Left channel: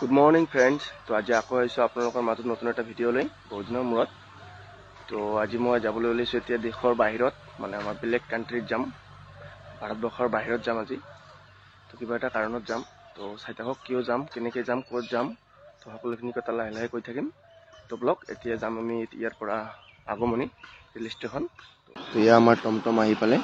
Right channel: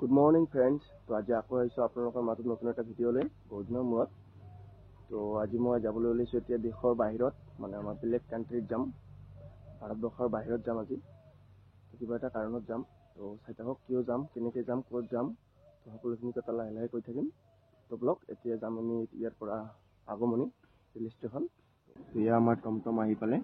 Good morning friends. তো আজি আকৌ আহিছোঁ আপোনালোকৰ মাজত নতুন এটা ভিডিঅ' লৈ বহুত দিনৰ মূৰত। তো আজি মই যাবলৈ ওলাইছোঁ এতিয়া দেশৰ বাহিৰত, মানে আমাৰ বেলেগ কাণ্ট্ৰিত যাম, ভাৰতবৰ্ষৰ বাহিৰত যাম আজি। তো কিবা এটা কাৰণত যাম। তো চাই থাকক কিয় যাম, কেনেকৈ যাম, ক'ত যাম, তো সকলোখিনি কথা লাহে লাহে কৈ থাকিম। তো ব্লগ এতিয়া যাম আমি ইয়াৰ পৰা আগমনী ৰেল ষ্টেচন। তো এয়া আমাৰ টমটম আহি পালে।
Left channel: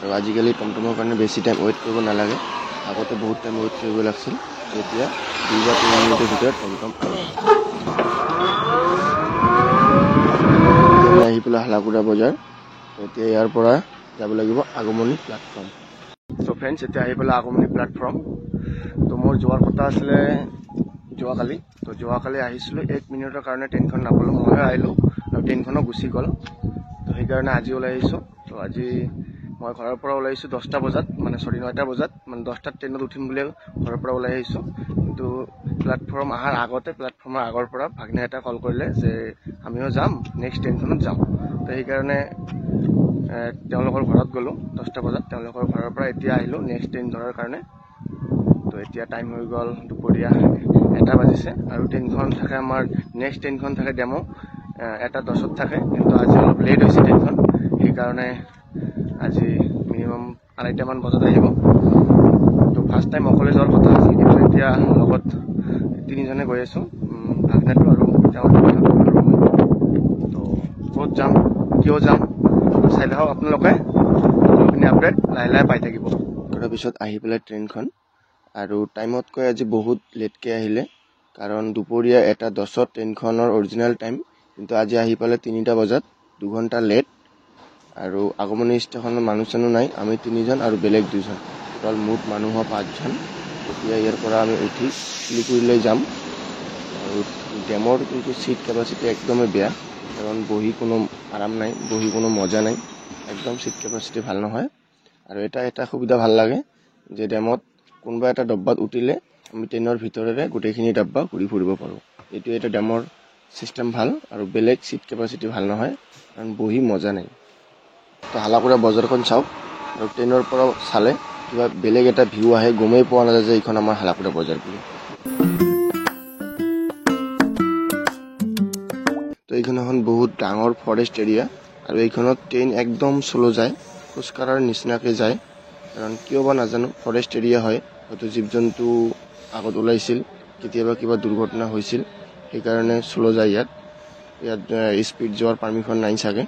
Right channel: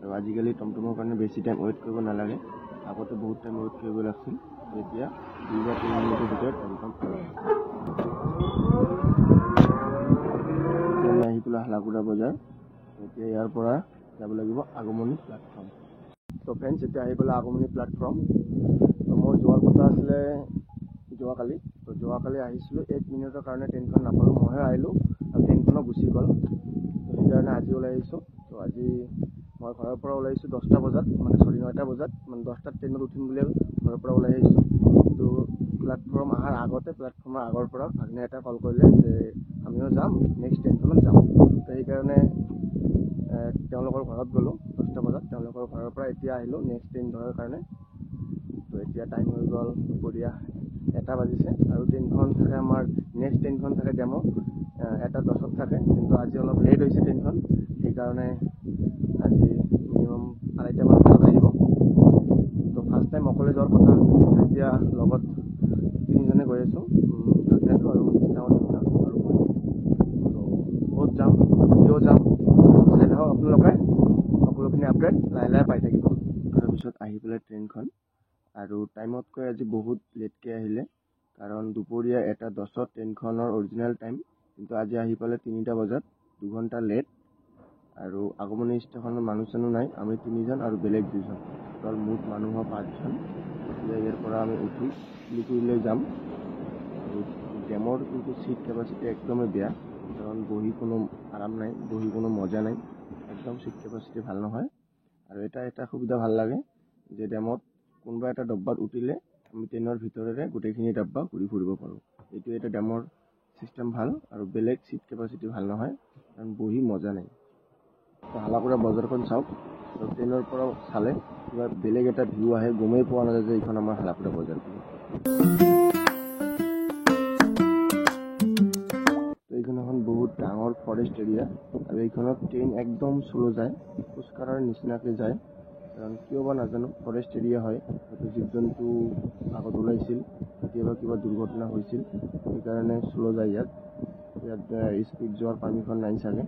আৰু আজিকালি টমটমৰ কাৰণে বেছি টাইম ৱেইট কৰিব নালাগে, আগতে বহুত টাইম ৱেইট কৰিব লাগিছিল। এতিয়া 2 বা 3 মিনিটৰ ভিতৰত টমটম আমি আহি পেলাই হালাকুৰা বজাৰ। এতিয়া ইয়াৰ পৰা যাব লাগিব আগমনী প্লেটফৰ্ম। তো ফ্ৰেণ্ডছ এতিয়া আহি পেলাই আগমনী প্লেটফৰ্ম। তো মোৰ যোৱাৰ কথা আছিলে যোৱাকালি। তো যোৱাকালি আহিছিলোঁ, 1 মিনিটৰ কাৰণে ট্ৰেইনখন নাপালোঁ, ময়ো আহিলোঁ আৰু ট্ৰেইনখনো গুচি গ'ল। তো সেইকাৰণে আজি ওলাই আহিছোঁ। তো আজি মই ঘৰৰ পৰা ওলাই আহিছোঁ 10টা বজাত, মানে 9টা বজাত, মানে 10টাত ট্ৰেইনত উঠিম বুলি ঘৰৰ পৰা ওলাই আহিছোঁ। কিন্তু প্লেটফৰ্ম অহাৰ আগতে, প্লেটফৰ্মৰ আগৰ পৰা ভাগ্নে এটা কল কৰিলে যে আমিও যাম, নেক্সট ট্ৰেইনখনত যাম। তো সেইকাৰণে তেওঁলোকৰ ঘৰত গ'লোঁ 10টা বজাত। তেওঁলোকৰ ঘৰৰ পৰা এতিয়া আহিলোঁ নেক্সট ট্ৰেইন ধৰাৰ কাৰণে। তো এতিয়া টাইম হৈ গ'ল দুপৰীয়া 1টা বাজিছে আৰু ট্ৰেইনখন থাকে আমাৰ, নেক্সট ট্ৰেইনখন থাকে ডেমো 1:10 থাকে, কিন্তু আজি অলপ লেট হৈছে ট্ৰেইনখন। সেইকাৰণে আজি মিনিমাম 2:30মান বজাত আহিব। তো ফাৰ্ষ্ট টাইম অকলে যোৱাৰ কথা আছিল, কিন্তু এতিয়া লগত 3জনে গৈ আছোঁ, ভাগ্নেটো আৰু তেওঁৰ কথা আৰু মই। তো ক'ত যাম, কিয় যাম, চাই লওক আপোনালোকে, সকলোখিনি আপডেট লাহে লাহে পাই থাকিব। তাৰপিছত আহি পেলাই ট্ৰেইনখন, আৰু টাইমতকৈ আজি বহুত লেটকৈ আহিলে, কাৰণ দুপৰীয়া 1:10 ট্ৰেইনখনৰ অৰিজিনেল টাইম, কিন্তু আজি আহি পালে 3টা বজাত, 2 ঘণ্টা লেট। আৰু আগমনী ষ্টেচনত মানুহ চানুহ নাই, আমি 3জন আৰু বেলেগ 2জন, অকল মুঠ মানুহ 5জন। এতিয়া ইয়াৰ পৰা আমি উঠি শিলিগুৰিলৈ যাম। আৰু ডেমৰ কিন্তু ছিট কেপাচিটি একদমেই বেয়া, কাৰণ বহি কোনো আৰাম নাই, বহি কোনো মজা নাই, একদম ছিট কেপাচিটি ভাল নহয়। আৰু এটা সুবিধা ভাল লাগে যে ডেমত কোনোবা এটা ডব্বাত উঠিলে আমি ট্ৰেইনৰ ভিতৰেৰে গোটেইখিনি ডাব্বা ঘূৰি ফুৰিব পাৰোঁ। এইটো এটা ডেমৰ ছিষ্টেম ভাল, আৰু বেলেগ ছিট কেপাচিটি ভাল নহয়, কাৰণ বহি মজা নাই। তো হালাকুৰা বজাৰখন চাওক, আৰু ট্ৰেইনৰ পৰা চালে কিবা বেলেগ এটা ভিউ আহে, গমেই পোৱা নাযায় যে এইখন আমাৰ হালাকুৰা বজাৰ বুলি। তো এইখন এখন বহুত ডাঙৰ ফৰেষ্ট এৰিয়া, আৰু এইখনত ট্ৰেইন একদম শ্ল' যায়, খোজকাঢ়াৰ নিচিনাকৈ যায়। কাৰণ কিয় বা নাজানো, ফৰেষ্ট এৰিয়া হয়, হয়তো জীৱ জন্তু আগত ওলাইছিল, কেতিয়াবা কিবা দুৰ্ঘটনা হৈছিল, সেইকাৰণে শ্ল' যায় ইয়াত স্পীড যোৱাৰ পাৰ্মিশ্যন নাই চাগে।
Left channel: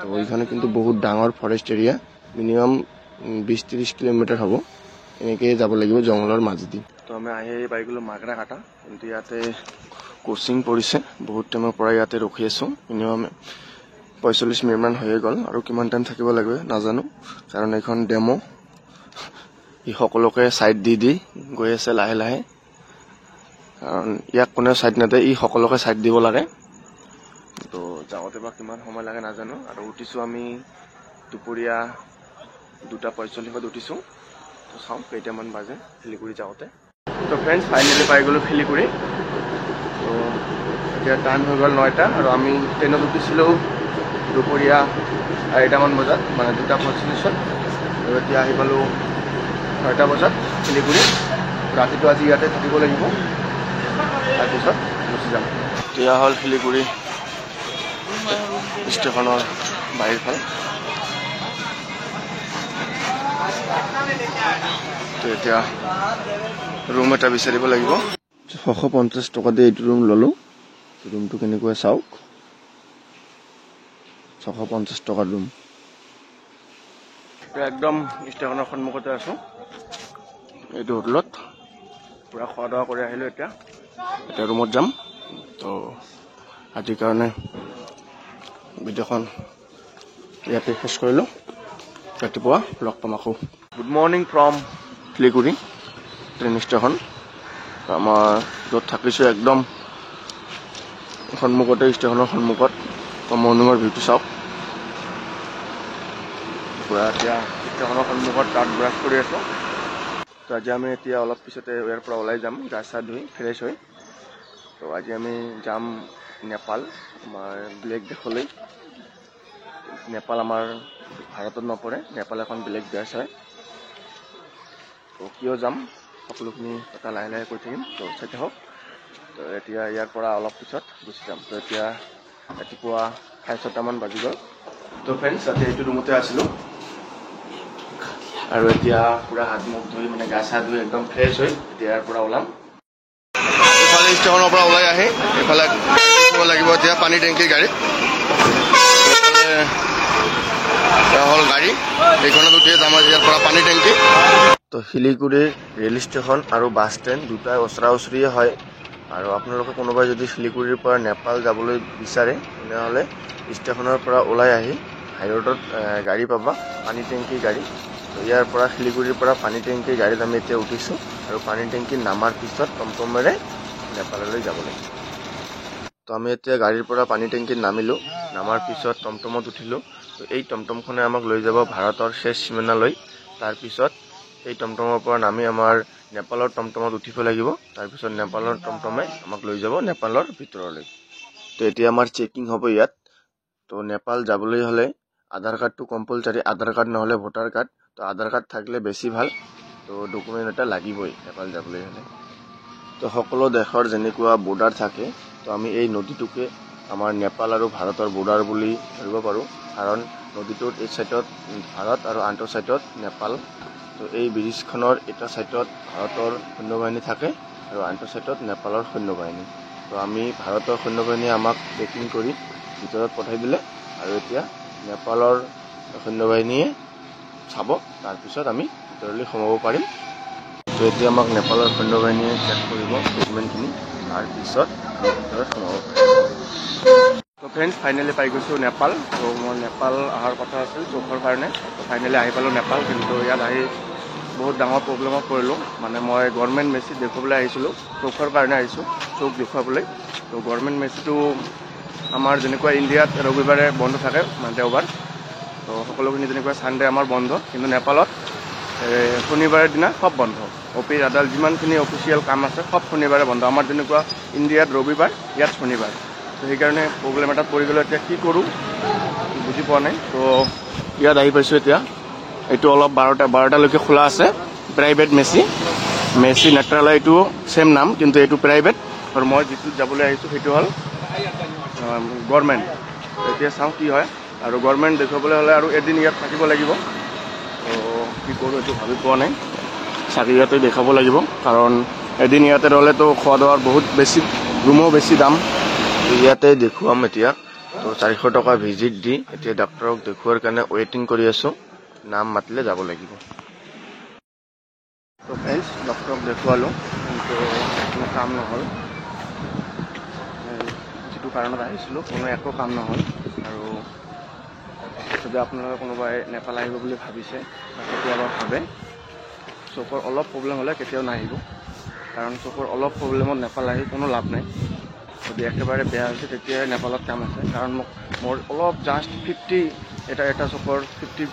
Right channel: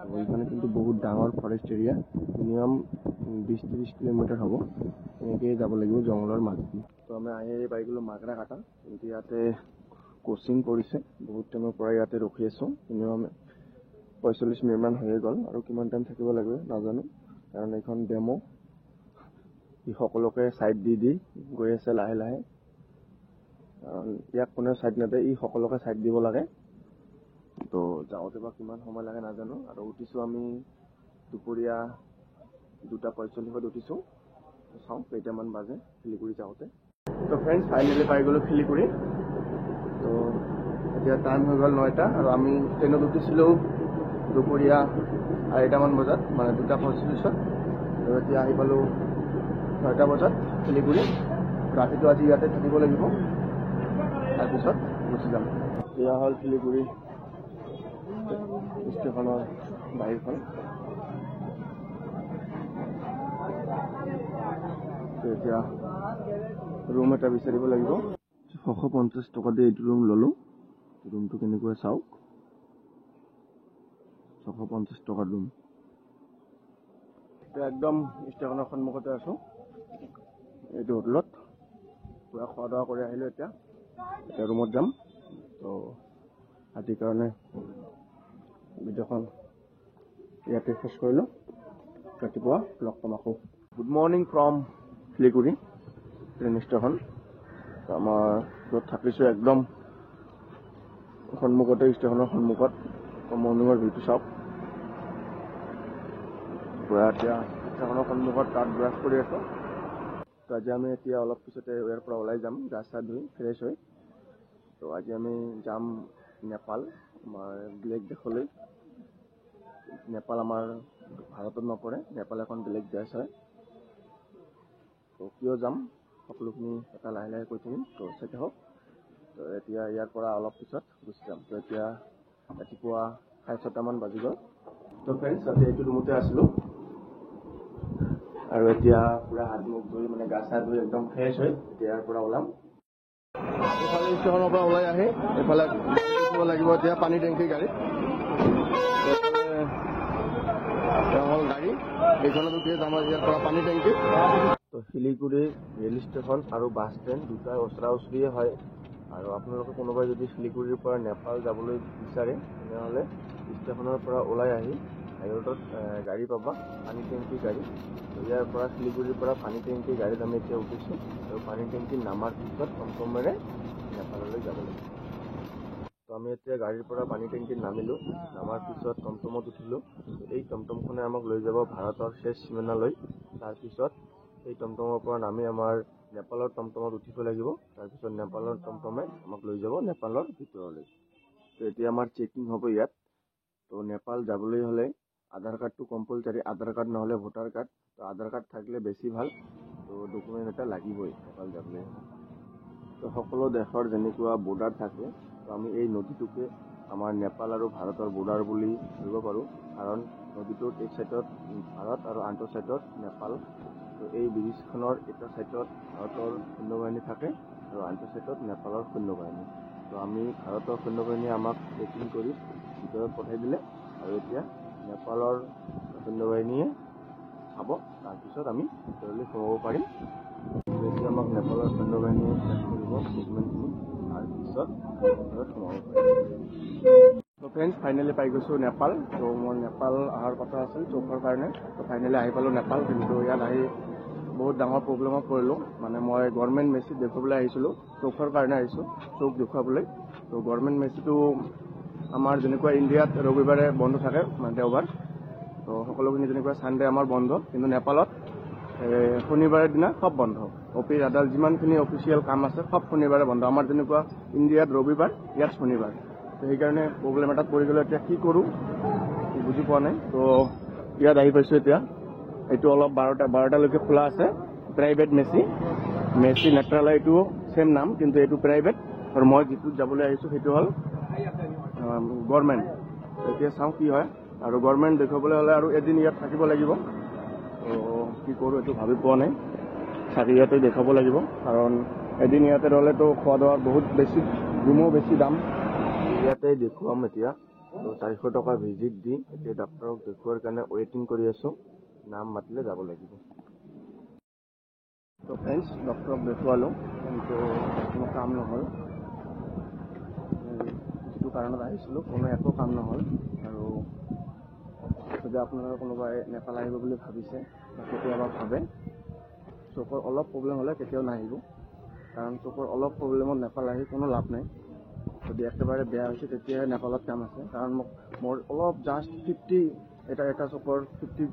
তো এইখনে কিন্তু বহুত ডাঙৰ ফৰেষ্ট এৰিয়া, মিনিমাম 20-30 কিলোমিটাৰ হ'ব, এনেকৈয়ে যাব লাগিব জংঘলৰ মাজেদি। তো আমি আহি পাই গ'লোঁ মাগৰাকাটা, কিন্তু ইয়াতে কোচিং পৰিছে, বহুত টাইমৰ পৰা ইয়াতে ৰখি আছোঁ, মিনিমাম 45 মিনিটমান হৈয়ে গ'ল, আৰু কিমান টাইম থাকিব লাগিব নাজানো, কাৰণ এইখন ডেমো। ই সকলোকে ছাইড দি গৈ আছে লাহে লাহে, কাৰণ ইয়াক কোনেও ছাইড নিদিয়ে, ই সকলোকে ছাইড দিব লাগে। তো যাওঁতে বা কিমান সময় লাগে নাজানো। আৰু উঠিছোঁ আমি দুপৰীয়া 2:45 উঠিছোঁ। তো চাওঁ কেইটামান বাজে শিলিগুৰি যাওঁতে। তো ফ্ৰেণ্ডছ ফাইনেলি পাই গ'লোঁ শিলিগুৰি। তো এতিয়া টাইম হৈ গ'ল 9টা, আৰু আমি ট্ৰেইনত উঠিছিলোঁ দুপৰীয়া 2:30মান বজাত, মানে 2:45। আৰু এতিয়া আহি পালোঁ 6টা বজাত শিলিগুৰি। ৰাতিটো আজি ইয়াতে থাকিব লাগিব, তাৰপিছত গুচি যাম। এতিয়া হ'ল শিলিগুৰি ষ্টেচনৰ বাহিৰখন। তো এতিয়া ৰুম এটা বিচাৰিব লাগিব। 650 টকা দি এইটো ৰুম ল'লোঁ। ৰুমটো কেনেকুৱা চাওক, 650 টকাৰ ৰুম। একদম ষ্টেচনৰ সন্মুখতে আছোঁ, এইটো হোটেলত পূৰা খোৱা দোৱা কৰি আহিলোঁ। এতিয়া ৰুমত যাম। তো আজিৰ কাৰণে ভিডিঅ'খন ইয়াতে শেষ কৰিলোঁ, ৰাতিপুৱা লগ পাম আকৌ। Good morning from Siliguri train station. আমাৰ য'ত থাকিছোঁ একদম সন্মুখতে, ষ্টেচনৰ সন্মুখত। তো মৰ্ণিঙৰ ভিউটো চাওক, পূৰা এতিয়া ষ্টেচনৰ সন্মুখত তাত ব্ৰাছ কৰি আছোঁ। তো আজি আমি এতিয়া অলপ পিছতে ইয়াৰ পৰা ওলাই যাম, গা চা ধুই ফ্ৰেছ হৈ। তো আজি আমি যাম নেপাল, আমাৰ বেলেগ দেশলৈ। নেপাল আমাৰ ভাৰতত নপৰে, নেপাল এখন বেলেগ দেশ হয়। তো কিয় যাম সকলোখিনি কথা লাহে লাহে কৈ থাকিম, তো চাই থাকক। তো এতিয়া ইয়াৰ পৰা অলপ পিছত গুচি যাম। তো এতিয়া ৰাতিপুৱা 6:30মান বাজি গ'ল। তো ফ্ৰেণ্ডছ, এতিয়া এইটো ৰুমতে আছিলোঁ আৰু এতিয়া পুৰা হাত মুখ ধুই মানে গা চা ধুই একদম ফ্ৰেছ হৈ এতিয়া ইয়াৰ পৰা ওলাম। এইফালে ষ্টেচনৰ পৰা ওলাই আহি এইফালে লাগিব এতিয়া পানী টেংকিৰ গাড়ী। হ'ল গাড়ী, এইখনত উঠিয়ে যাম ইয়াৰ পৰা পানী টেংকি। তো শিলিগুৰিৰ ৰেল ষ্টেচন আৰু বাছ ষ্টেণ্ড দুটাই ওচৰা ওচৰিয়ে হয়। আৰু আপোনালোকে কোনোবাই যদি শিলিগুৰিৰ পৰা নেপাল যাবলৈ বিচাৰে তেনেহ'লে ষ্টেচনৰ পৰা ওলাই আহি হাইৰোডত গাড়ী পাবা, পানী টেংকিৰ গাড়ী। তো ইয়াৰ পৰা শিলিগুৰিৰ পৰা পানী টেংকিৰ গাড়ীত আমি এতিয়া উঠিছোঁ আৰু পানী টেংকি নামাৰ পিছত টমটমেৰে নেপাললৈ যাব লাগিব। তো আমি এতিয়া গাড়ীৰ পৰা পানী টেংকিত নামিলোঁ, নামাৰ পিছত টমটমত উঠিলোঁ। তো এই টমটমখনে আমাক লৈ যাব ভাৰতৰ শেষ সীমানালৈ। তাৰপিছত এই টমটমৰ পৰা নামি আমাৰ নেপালৰ টমটমত উঠিব লাগিব। তাৰপিছত নেপালৰ টমটমে আমাক লৈ যাব নেপালৰ ভিতৰলৈ। তো এতিয়া আমাৰ চেকিং হ'ব ইয়াত। তো নেপাল যাবলৈ হ'লে আধাৰ কাৰ্ডটো কম্পালচাৰী, আধাৰ কাৰ্ড নহ'লে ভোটাৰ কাৰ্ড। তো আধাৰ কাৰ্ড থাকিলে বেছি ভাল। তো ডকুমেণ্ট এটা লাগিবই নেপাল যাবলৈ হ'লে। তো সকলো দেশৰ যেনেকুৱা বৰ্ডাৰ থাকে, তো আমি এই নদীটোকে আমাৰ নেপাল আৰু ভাৰতৰ বৰ্ডাৰ বুলি ধৰিব পাৰোঁ। কাৰণ নদীটোৰ এই ছাইডত ভাৰত আৰু আনটো ছাইডত নেপাল। তো এই ব্ৰিজখনৰ এটা ছাইডত ভাৰতৰ সৈন্যবাহিনী থাকে আৰু আনটো ছাইডত নেপালৰ সৈন্যবাহিনী। তো আমি ভাৰতৰ সৈন্যবাহিনীয়ে আমাক চেকিং কৰি ভিতৰত পঠাই দিলে আৰু এতিয়া নেপালৰ সৈন্যবাহিনীয়ে চাব, তাৰপিছত আমি ভিতৰলৈ সোমাব পাৰিম। তো এতিয়া আমাক নেপালৰ সৈন্যবাহিনীয়ে চেক কৰিব ডকুমেণ্টখিনি, তাৰপিছত ভিতৰত সোমাব পাৰিম। তো ফ্ৰেণ্ডছ, ফাইনেলি পাই গৈছোঁ নেপাল। তো মই নেপাল অহাৰ কথা আছিল চৌখৰ কাৰণে। তো ফাইনেলি আহি পালোঁ নেপাল। কিন্তু ইয়াত আহি বহুত ডাঙৰ প্ৰব্লেমত পৰিলোঁ। মানে মই গভৰ্ণমেণ্ট মেচি দেখুৱাবলৈ আহিছিলোঁ, চৌখৰ কাৰণে আহিছোঁ, চৌক দেখুৱাবলৈ। তো গভৰ্ণমেণ্ট মেচিটো আমাৰ যেনেকুৱা ইণ্ডিয়াত ৰবিবাৰে বন্ধ থাকে, মানে দেওবাৰ। তো সকলোখিনি যেনেকুৱা ছানডে আমাৰ বন্ধ, কিন্তু নেপালত শনিবাৰৰ দিনা সব বন্ধ। অফিচ আদালত যিমানখিনি অফিচিয়েল কাম আছে সব শনিবাৰে বন্ধ। আমাৰ যেনেকুৱা ইণ্ডিয়াত ৰবিবাৰ, ইয়াত শনিবাৰ। তো সেইকাৰণে প্ৰব্লেম এটাত পৰি গ'লোঁ। এতিয়া কি কৰোঁ বুজি পোৱা নাই। তো ইয়াত আহি পাইছোঁ এতিয়া। এইটো অলপ 12টালৈকে খোলা আছে, প্ৰাইভেট মেচি নেত্ৰালয়, এইটো ছেম নাম, কিন্তু এইটো প্ৰাইভেট। আৰু মই যিটোত যাবলৈ আহিছোঁ সেইটো হ'ল গভৰ্ণমেণ্ট। এতিয়া চাওঁ কি হয়। আৰু গভৰ্ণমেণ্ট দেখুৱাবলৈ হ'লে আৰু এদিন ইয়াত থাকিব লাগিব। তো কি কৰোঁ এইটো ভাবি পোৱা নাই। চাগে ইয়াতে দেখাব লাগিব, কাৰণ এদিন ইয়াতে ৰ'লেতো খোৱা দোৱাৰ বহুত বেছি, ৰুমো বেছি দাম। ইয়াতে দেখুৱাম এতিয়া। তো 400 টকা ভিজিট দি এতিয়া ডাক্তৰক দেখুৱাৰ কাৰণে ৱেইটিং কৰি আছোঁ। নাম মাতিলে যাব লাগিব। তো ফ্ৰেণ্ডছ, ডক্তৰক দেখুৱালোঁ, কিন্তু কোনো কাম নহ'ল। যিটো কাৰণত আহিছিলোঁ কোনো একো কাম নহ'ল। আৰু যদি আপোনালোকে কোনোবাই নেপাল আহিব বুলি ভাবিছে বা কেতিয়াবা ভাবে, চকুৰ অলপ প্ৰব্লেম হ'লে কেতিয়াও নাহিব। কাৰণ চকুৰ অলপ প্ৰব্লেমত নেপাল আহি কোনো লাভ নাই। যদি একেবাৰে বেয়া হৈছে তেতিয়াহে নেপালত কাম আছে। কাৰণ মোৰ অলপ জাষ্ট 50 এটা চকুৰ 50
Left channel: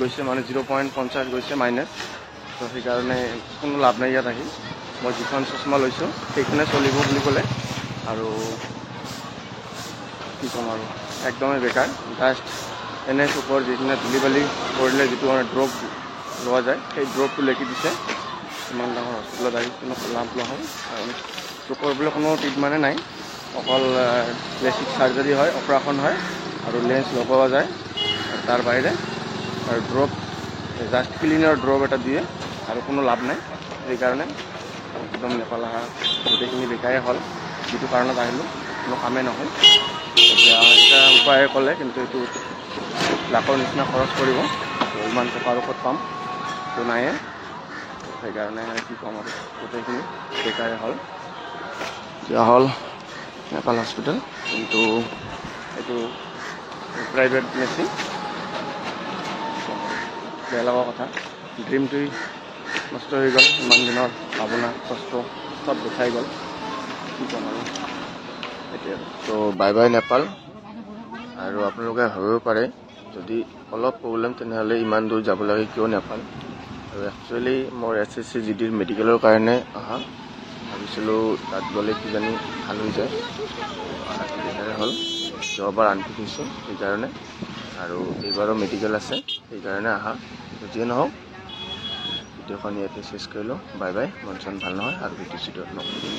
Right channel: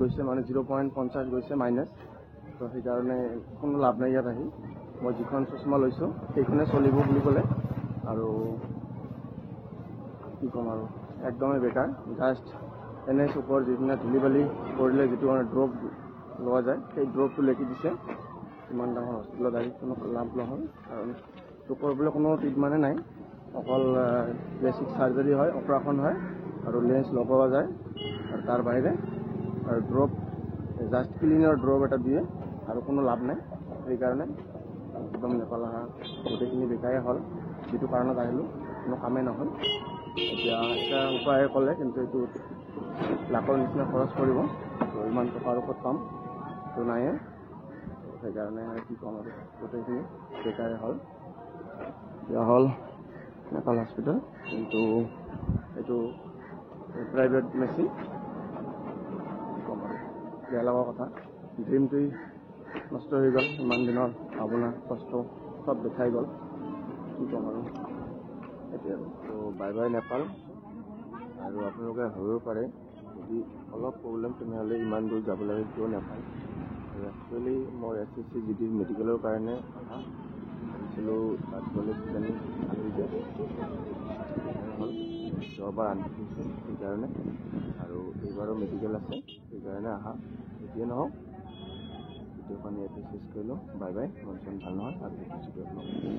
গৈছে, মানে 0.50 গৈছে মাইনাছ। তো সেইকাৰণে কোনো লাভ নাই ইয়াত আহি। মই যিখন চশমা লৈছোঁ সেইখনে চলিব বুলি ক'লে, আৰু কি ক'ম আৰু একদমেই বেকাৰ। জাষ্ট এনে চকুৰ যিখিনি ধূলি বালি পৰিলে যিটো মানে ড্ৰপ লোৱা যায়, সেই ড্ৰপটো লেখি দিছে। ইমান ডাঙৰ হস্পিটেলত আহি কোনো লাভ নহ'ল। কাৰণ চকুৰ বোলে কোনো ট্ৰিটমেণ্টে নাই, অকল প্লাষ্টিক চাৰ্জাৰী হয়, অপাৰেশ্যন হয় আৰু লেন্স লগোৱা যায়, আৰু তাৰ বাহিৰে আৰু ড্ৰপ, জাষ্ট ক্লিনাৰ ড্ৰপ এটা দিয়ে, আৰু কোনো লাভ নাই। সেইকাৰণে একদম নেপাল অহা গোটেইখিনি বেকাৰে হ'ল। যিটো কাৰণত আহিলোঁ কোনো কামেই নহ'ল। এতিয়া এটা উপায় ক'লে, কিন্তু এইটো লাখৰ নিচিনা খৰচ কৰিব। তো ইমান টকাৰ ওপৰত পাম তো নায়ে। সেইকাৰণে কি ক'ম আৰু গোটেইখিনি বেকাৰে হ'ল। এতিয়া হ'ল নেপাল হস্পিটেল, কিন্তু এইটো প্ৰাইভেট মেচিন। কি ক'ম আৰু বেয়া লগা কথা। ড্ৰিমটোৱেই নষ্ট হৈ গ'ল। ইমান দিনৰ ভাৱনা কষ্ট চব দেখাই গ'ল। কি ক'ম আৰু এতিয়া। তো বাই বাই নেপাল। আৰু আপোনালোকে ভাবিব পাৰে যদি অলপ প্ৰব্লেম তেনেহ'লে ইমান দূৰ যাব লাগে কিয় নেপাল। আৰু একচুৱেলি মোৰ SSC GDৰ মেডিকেলৰ কাৰণে অহা। ভাবিছিলোঁ তাত গ'লে কিজানি ভাল হৈ যায়, সেইকাৰণে হ'ল। যোৱাবাৰ আনফিনিছোঁ সেইকাৰণে, আৰু এইবাৰো মেডিকেল আছে সেইকাৰণে আহা। যিয়ে নহওক ভিডিঅ'খন ইয়াতে চেছ কৰিলোঁ। Bye bye. মন চন ভাল নহয় আৰু ভিডিঅ' চিডিঅ'ত নকৰিম।